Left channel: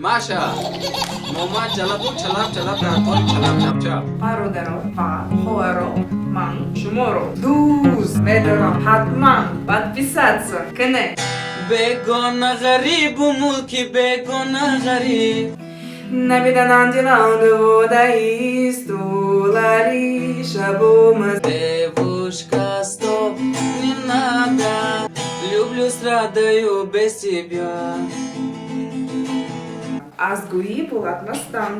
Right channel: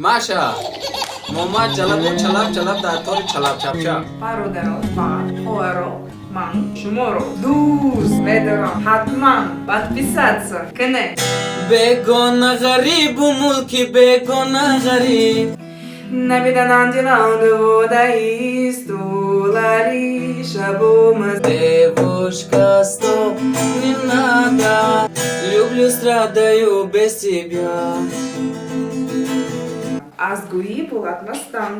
Маша! Мама чалап дартори чалап чапча. Пародаро, ва, хоэро, ман, шуморо, дуз, ведоро, хатман, подписаться, кене. Бегона гарибу мулки бегона гариб. Набидан антиланду водаистулари шабумаз. Девушка, стоп, не надо. Люблю, страдаю без тебя. Азгуи Булатмастан.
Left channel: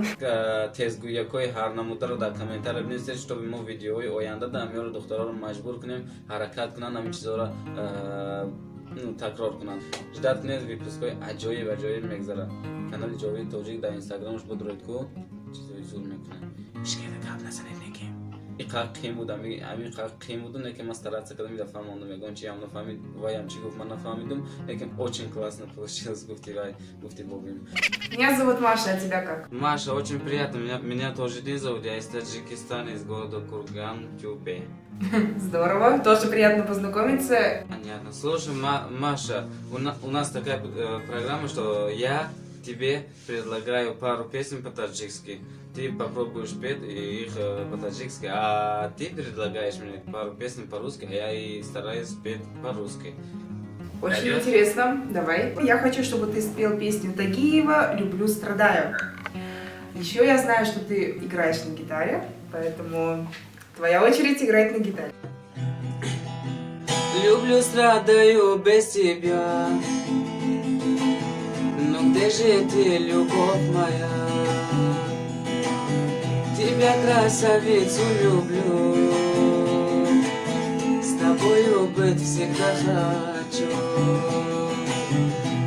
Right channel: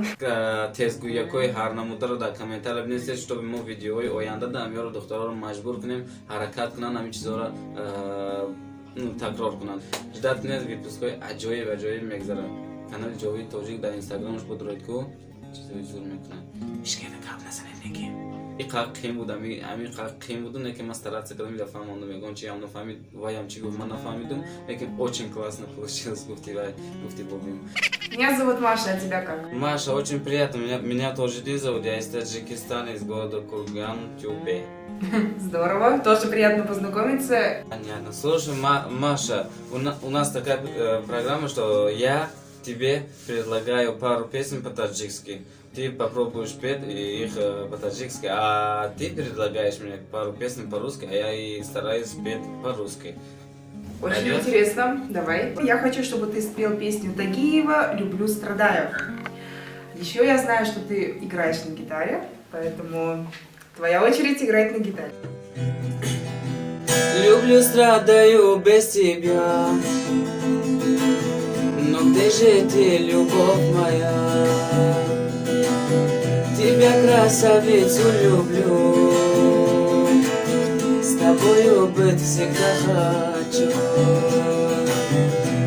тезгӯякҳои ҳарнамударо дар комментария бинависед, чтобы мо видеоҳои оянда дар миёри духтароро маҷбур кунем ҳаракат кунанд, ҳамин чизҳоро такрор кунанд. ҷиддат кунед, випускҳои аҷоиб мегзарад. Канали Ҷовид Тоҷик дар инстаграмаш бодуред ку чизҳои зур мекунад. Ишкайда гап назанед неки. И қақ қим буд, ами қақ қим буду, неки ман стараться кардам, ида фаҳмондам, ягон чи ҳам нафаҳмид, ваям чи гуфт, ман нафаҳмидам, лекин очень классно получилось, гуфти вай, гуфти бубим. Меня зовут Маша, а тебя как? Маша, очень приятно. Меня тоже Ди зовут. Я из Таджикистана, из города Курган, Тюпе. Здорово, тоже приятно познакомиться. Понятно. Слушай, Маша, у нас такая программа, что я тебе предлагаю пару песен по-таджикски. Ты попробуешь петь их по-таджикски, а ты предлагаешь мне пару песен по-русски, а я и стараюсь петь по-русски. Очень интересно. Давай. Я хочу, чтобы ты спел песню Тагиева «Люблю, страдаю». Еще я знаю, что ты играешь на гитаре, поэтому твоя очередь играть на гитаре. Люблю, страдаю без тебя. Но где же ты, любовь моя? Тебя, красавицу, люблю. С тобою быть всегда хочу.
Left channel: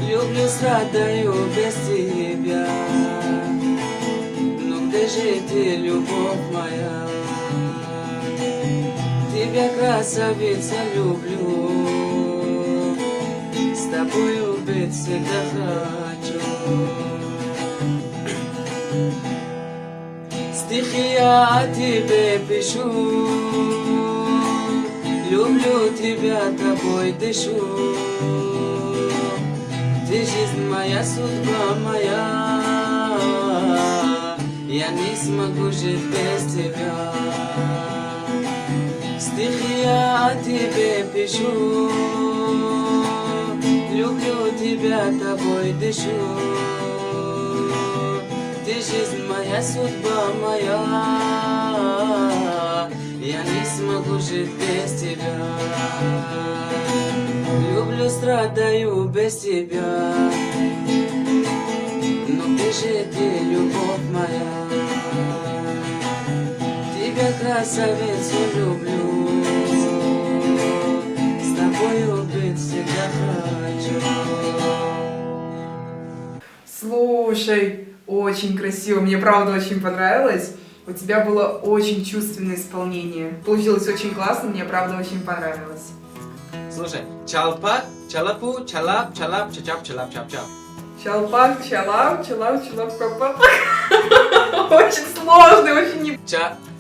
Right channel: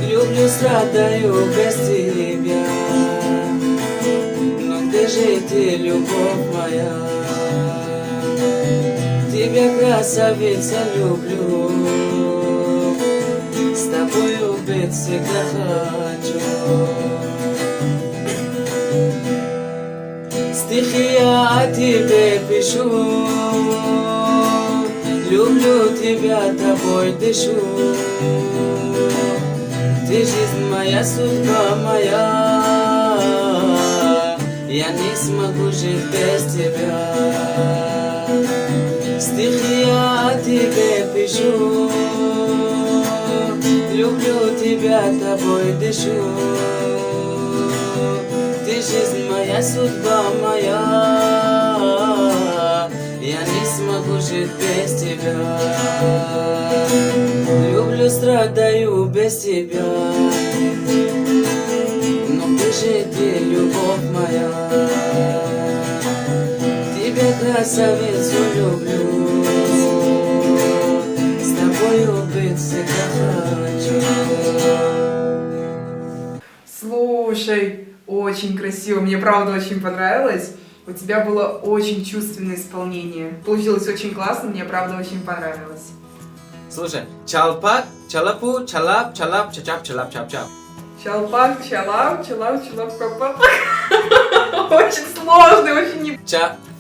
Люблю, страдаю без тебя. Но где же ты, любовь моя? Тебя, красавица, люблю. С тобою быть всегда хочу. Стихи я тебе пишу. Люблю тебя, тобой дышу. Ты жизнь моя, судьба моя. Я не смогу жить без тебя. Стихи я тебе пишу. Люблю тебя, тобой дышу. Ты жизнь моя, судьба моя. Я не смогу жить без тебя. Люблю, страдаю без тебя. Но где же ты, любовь моя? Тебя, красавицу, люблю. С тобою быть всегда хочу. Слушай, очень красиво, мне правда очень понравилось. У тебя было очень чувственное исполнение. Получилось очень классно, мне правда очень понравилось. Слушай, чалпак, чалапу, чалап, чалап, чачап, чалап, чап-чап. Чалпак, чалап, чалап, чалап, капак. Очень сложно, очень не...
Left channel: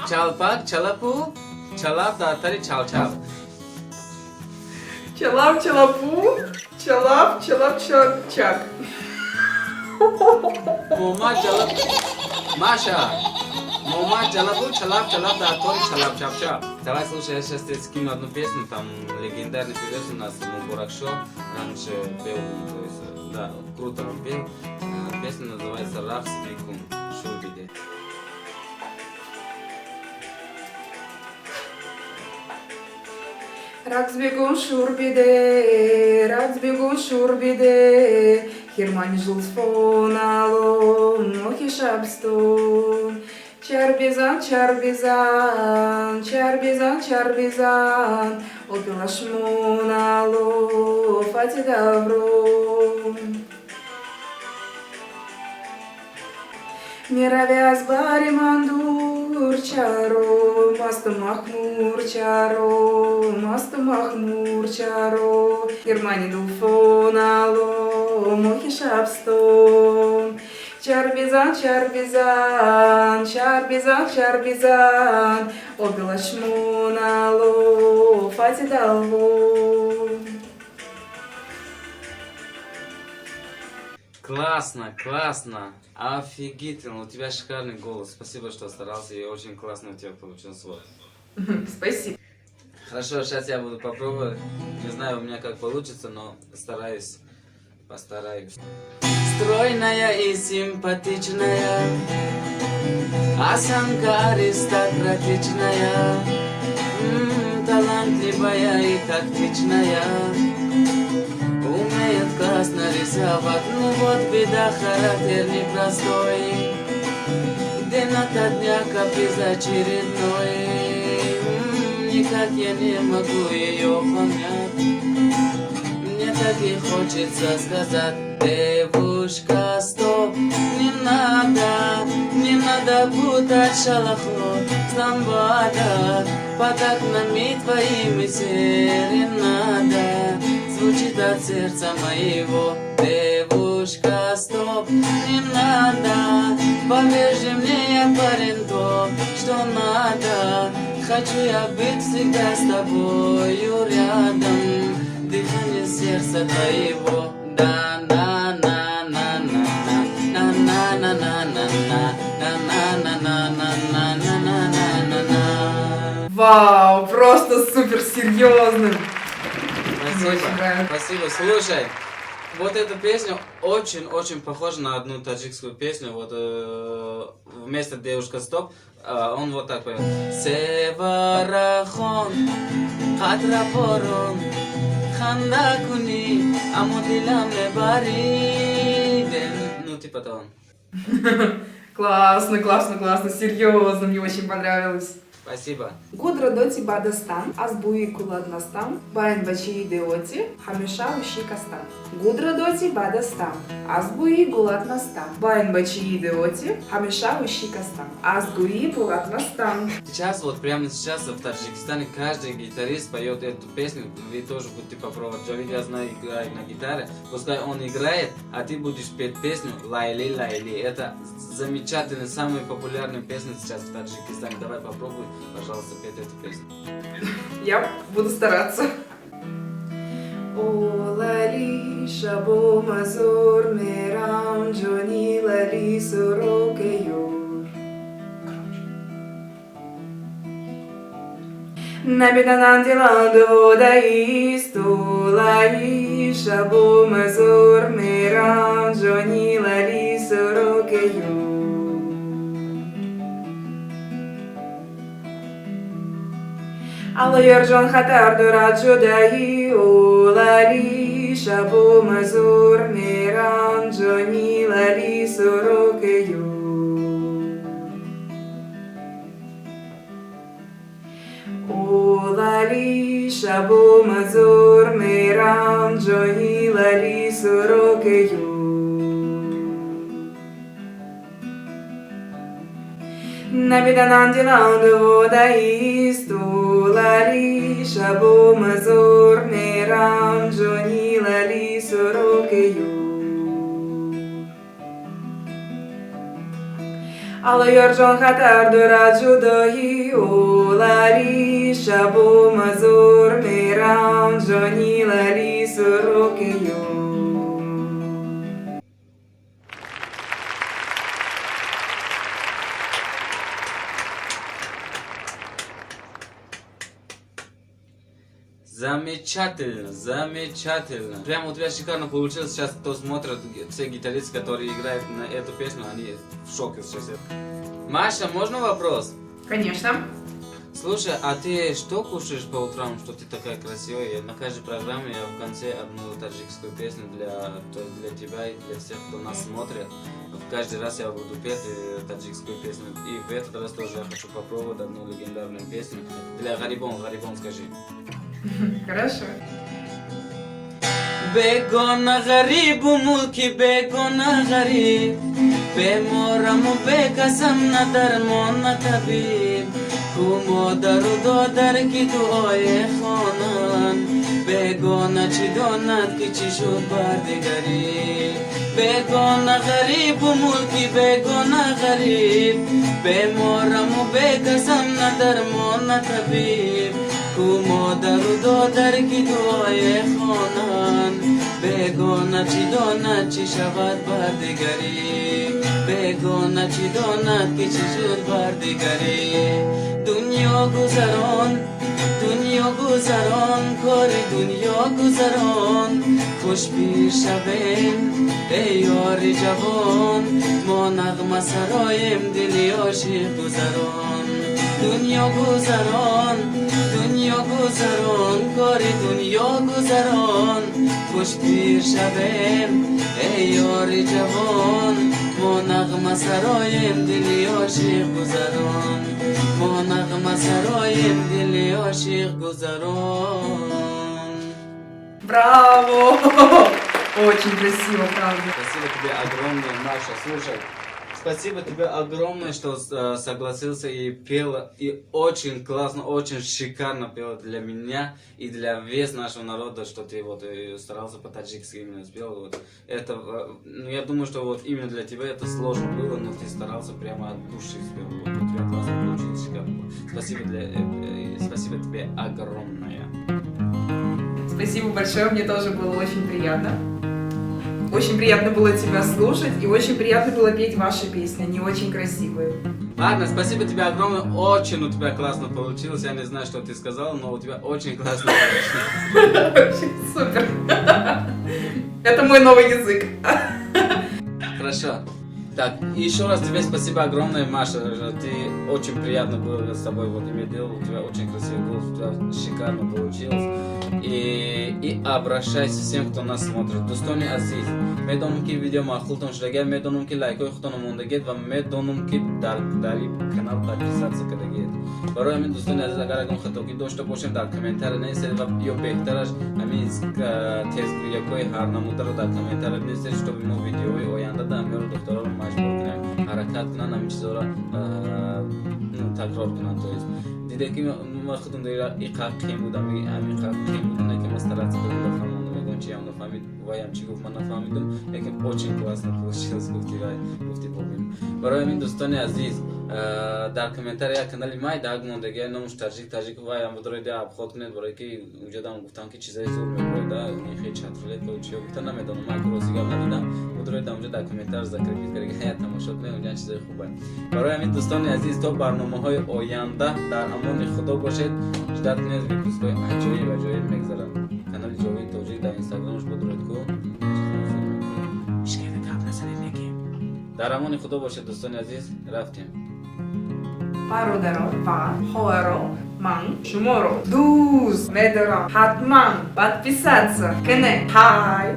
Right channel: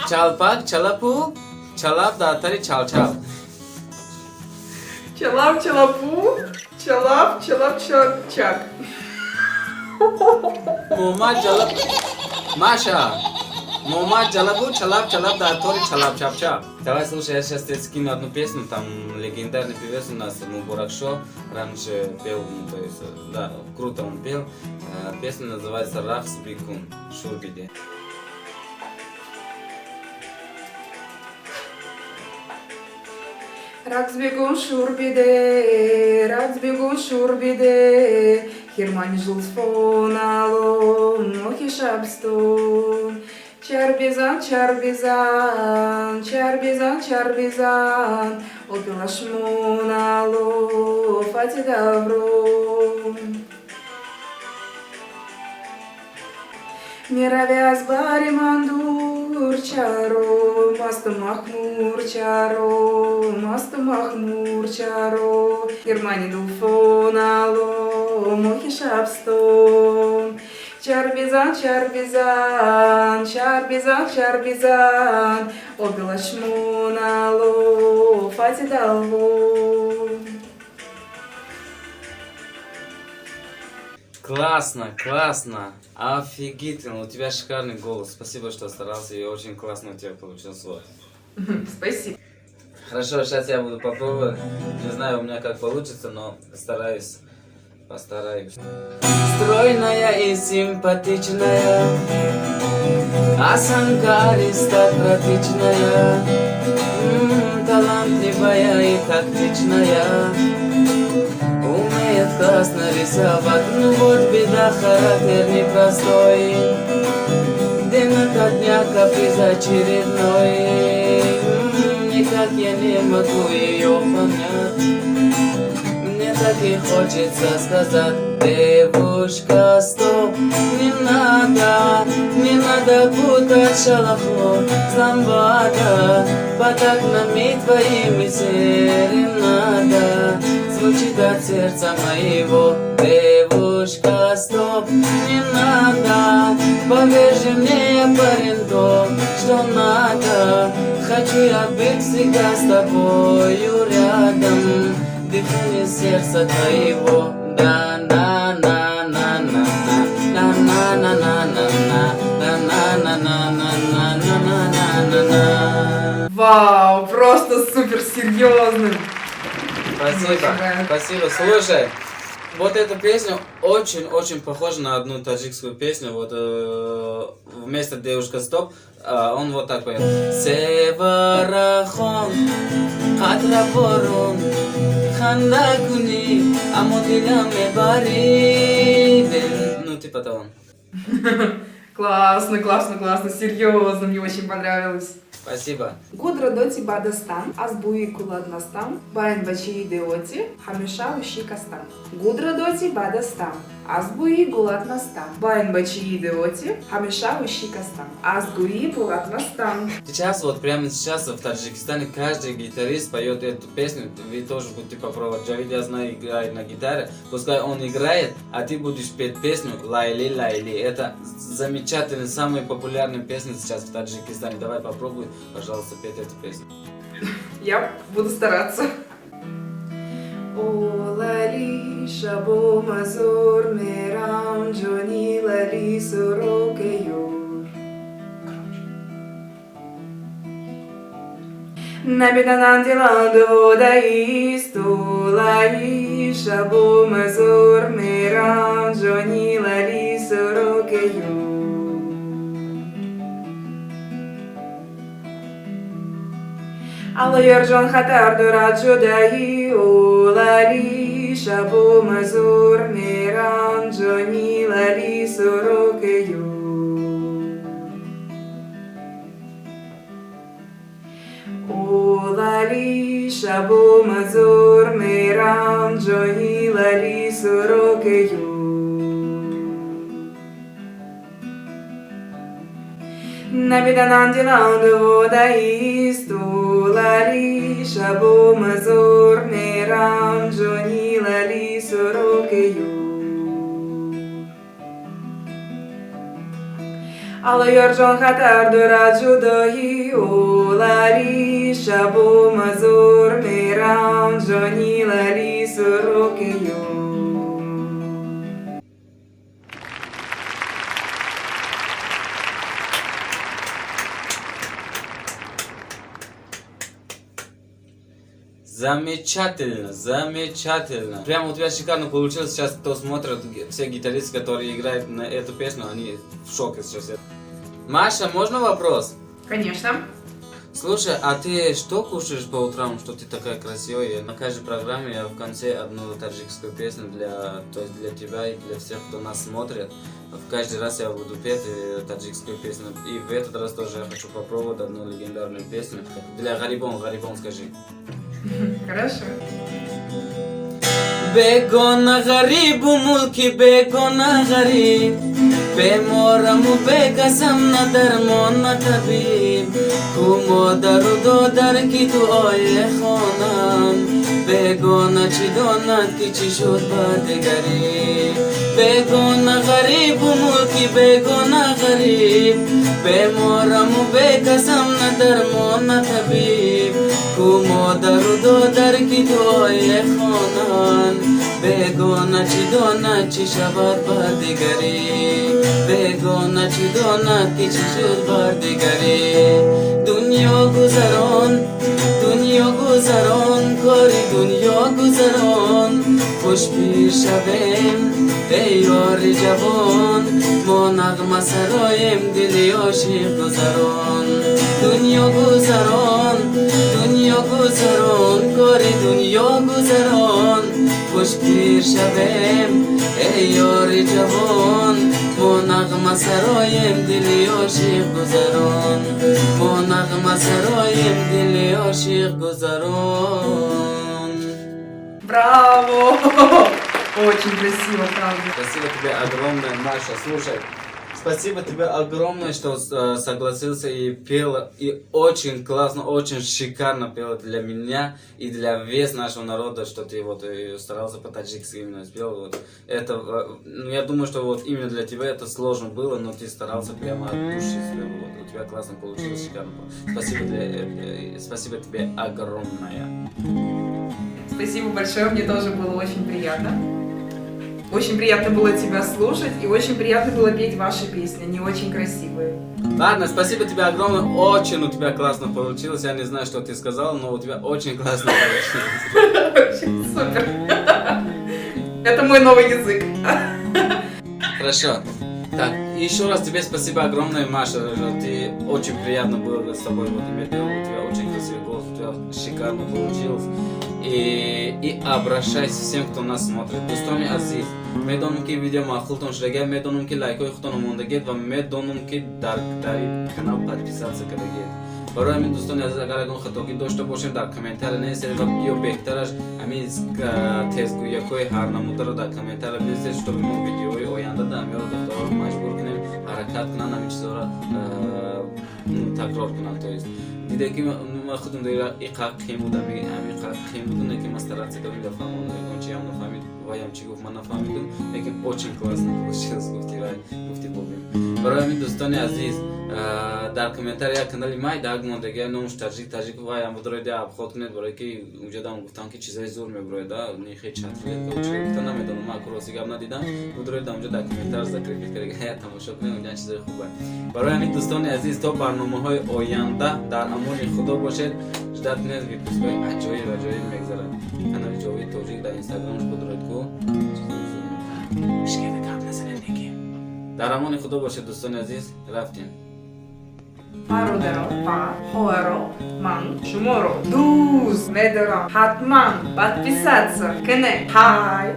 Чалпак, чалапу, чалап, дартари, чал-чал. Чалап, чалапу, чалап, чалап, чак. Маша! Мама, чалапу, чалап, чалап, дартари, чалап, чап-чап. Давай, слушай, я сейчас тебе скину одну песню, там легендарный певец у нас, Мурак Шо, раньше пел, то есть, да, круто он пел. Песня называется «Рахс Бигун», Шурбиде. Раксбегун шурбиде, Хирмани жулфонало, мохи шабстон. Чарбизан, чарбизан, чарбизан, чарбизан, Опила шмонало, фатидавро. Миравяз бари мандур чаро, масту махмур чаро, Германи дулфонало, мохи шабстон. Чарбизан, чарбизан, чарбизан, чарбизан, Опила шмонало, фатидавро. Классно, классно. Офигительно. У тебя шикарный голос. Спасибо, что старался. И очень классно у тебя получился. Спасибо. Хорошо, сейчас я буду попробовать. Не знаю у меня как получится, но стараюсь. Постараюсь. Стройная и симпатичная, осанкариста практичная, талантливая и тактичная, умеет классно рисовать, ну вот беда, характер непростой, день ото дня каприз очередной, никак я не могу ее понять. Так и хочется сказать: девушка, стоп, не надо путать шалаху с ламбада, под окнами твоими серенада звучит от сердца моего. Девушка, стоп, не надо, поверь же мне, я парень, то, что надо, хочу я быть всегда с тобою рядом. Сердца твоего, да на на на на на на на на на на на. Вау, просто супер серьезным. Спасибо. Слушай, вот эта песня очень похожа на одну таджикскую песню. Вот вместо девушка стоп, он вот так поет. Севарахон, Хатраборон. Ну, типа того. Классно, классно, классно, серьезно, мне очень понравилось. Спасибо. Гудра доти бадастан, аз буи куладнастан, байн бачи деоти, хамеша уши кастан. Гудра доти бадастан, аз буи гуладнастан, байн бачи деоти, хамеша уши кастан. Аз буи гуладнастан. Сейчас, вот прямо сейчас в Таджикистане каждый гитарист поет эту песню. Вы тоже будете попробовать. Я знаю, играю на гитаре. Пускай он играет, а ты будешь петь песню Лайли Лайли. Это замечательная, самая популярная песня сейчас в Таджикистане. Давай попробуй, пожалуйста, петь эту песню. Я буду стараться. О лали шабо мазур мерам джони лали сурокеюр. Набиданан диланду даисту лали шабо мазур мерам джони лали сурокеюр. Алла Йорджон хатар дура джудаи улали шабу мазур миран джони лали сурокею. Улали шабу мазур миран джони лали сурокею. Набиданан диланду даисту лали шабу мазур мерам джони лали сурокею. Алла Йорджон хатар дура джудаи улали шабу мазур мерам джони лали сурокею. Замечательно, замечательно. Прям у тебя шикарно получилось. Сейчас кто смотрит, все гитаристы, которые играют на эту песню, они в шоке сейчас. Маша, можно вопрос? Конечно. Слушай, а ты что кушаешь по утрам, что ты такая красивая? На каждой программе я в конце одну таджикскую песню для тебя и для всех, кто нас смотрит. Каждый раз я буду петь таджикскую песню. И в этот раз тоже я хочу попробовать одну легендарную песню. Для Гарибон скажи. Хорошо. Begona gharib mulki begona gharib Bemoramu bekasam na darmon na tabib Kumo daru do dar ki tu oye khonam Begona chi donat ki chi shud badigari Begona gharib mulki begona gharib Bemoramu bekasam na darmon na tabib Kumo daru do dar ki tu oye khonan بگونه چی داند چی شود بر دیگری بگونه چی داند که چی شد بر دیگری دنیا گذران کاری دنیا گذران خوش پیر شویم ای یاری جوان ما نغمه سرایم دلی عاشق گذران دنیا گذران کاری دنیا گذران خوش پیر شویم ای یاری جوان ما نغمه سرایم دلی عاشق گذران ما نغمه سرایم دلی عاشق گذران. Браво! Очень красиво, правда. Спасибо тебе огромное, Маша. Слушай, спасибо тебе огромное, что согласился и пел, и очень классно, очень шикарно пел для меня и для весь нашего народа, что ты вот старался по-таджикски именно спел. Вот. Это, ну, я думаю, что вот именно для тебя это сложно было, но ты старался прямо от души спел. Вот, у тебя классно получилось, шикарно. Спасибо тебе огромное. Спасибо большое, мне тоже было очень приятно. Очень приятно было тебя слушать и очень приятно было петь ваши песни, они очень красивые. Ладно, спасибо тебе огромное, очень у тебя классно получилось, я не знаю, что ты сказала, но у тебя очень классно получилось. Очень супер. Это мой новый язык. Хорошо. Так, еще раз тебе спасибо огромное, Маша, ты очень приятно было с тобой иметь, у тебя очень красивый голос, у тебя шикарно получилось. И обращайся всем, кто нас смотрит. Достойный Азиз, میدونم که ویدیو مخلوطون شده میدونم که لایک های خودتون موندگید و میدونم که در کانال قدرسات سکتگید برای من دوستان عزیز اگر اون خطاگی داشته باشین در کامنتر نویسید و یا بهترش همین تزگویی های هر نموده رو در کامنتر بنویسید تا ببینیم ویدیوهای آینده در میاد دکترها رو مجبور کنیم حرکت کنن همین چیزا رو تکرار کنن تو است دیده که ما خودم دیگه ایقاقی بودم همین ایقاقی بودن که مسترات کنیم نفهمون چی هم نفهمید ویم چی گفت من نفهمیدم لیکن очень классно получилось گفتی بودیم برای من دوستان عزیز در کامنتر کانال مای داگ موندگی نامش تاجیک ویم بدرید یا خود کنید برای که اونجا دام گفتن که چیزای زور میبره دا خیلی چند فیلم کوچه گفتن نمیدونم من کروسی گام ندیدم بدرید اونجا در کامنتر ذکر میکنید که تماشا کنید اونجا چیزای خوبه برای من دوستان عزیز تا برنامه‌های آینده در امان خدا باشید جدت کنید ویدیوهای عجایب میگذارم کانال جاوید توجیه در اینستاگرامش بدرید کو مشکل کم نزنید نگیم در امان خدا باشید دوستان عزیز رفتیم Пародеро, па, хоэро, ман, шуморо, дуз, медеро, хатман, подписаться, кене, хай.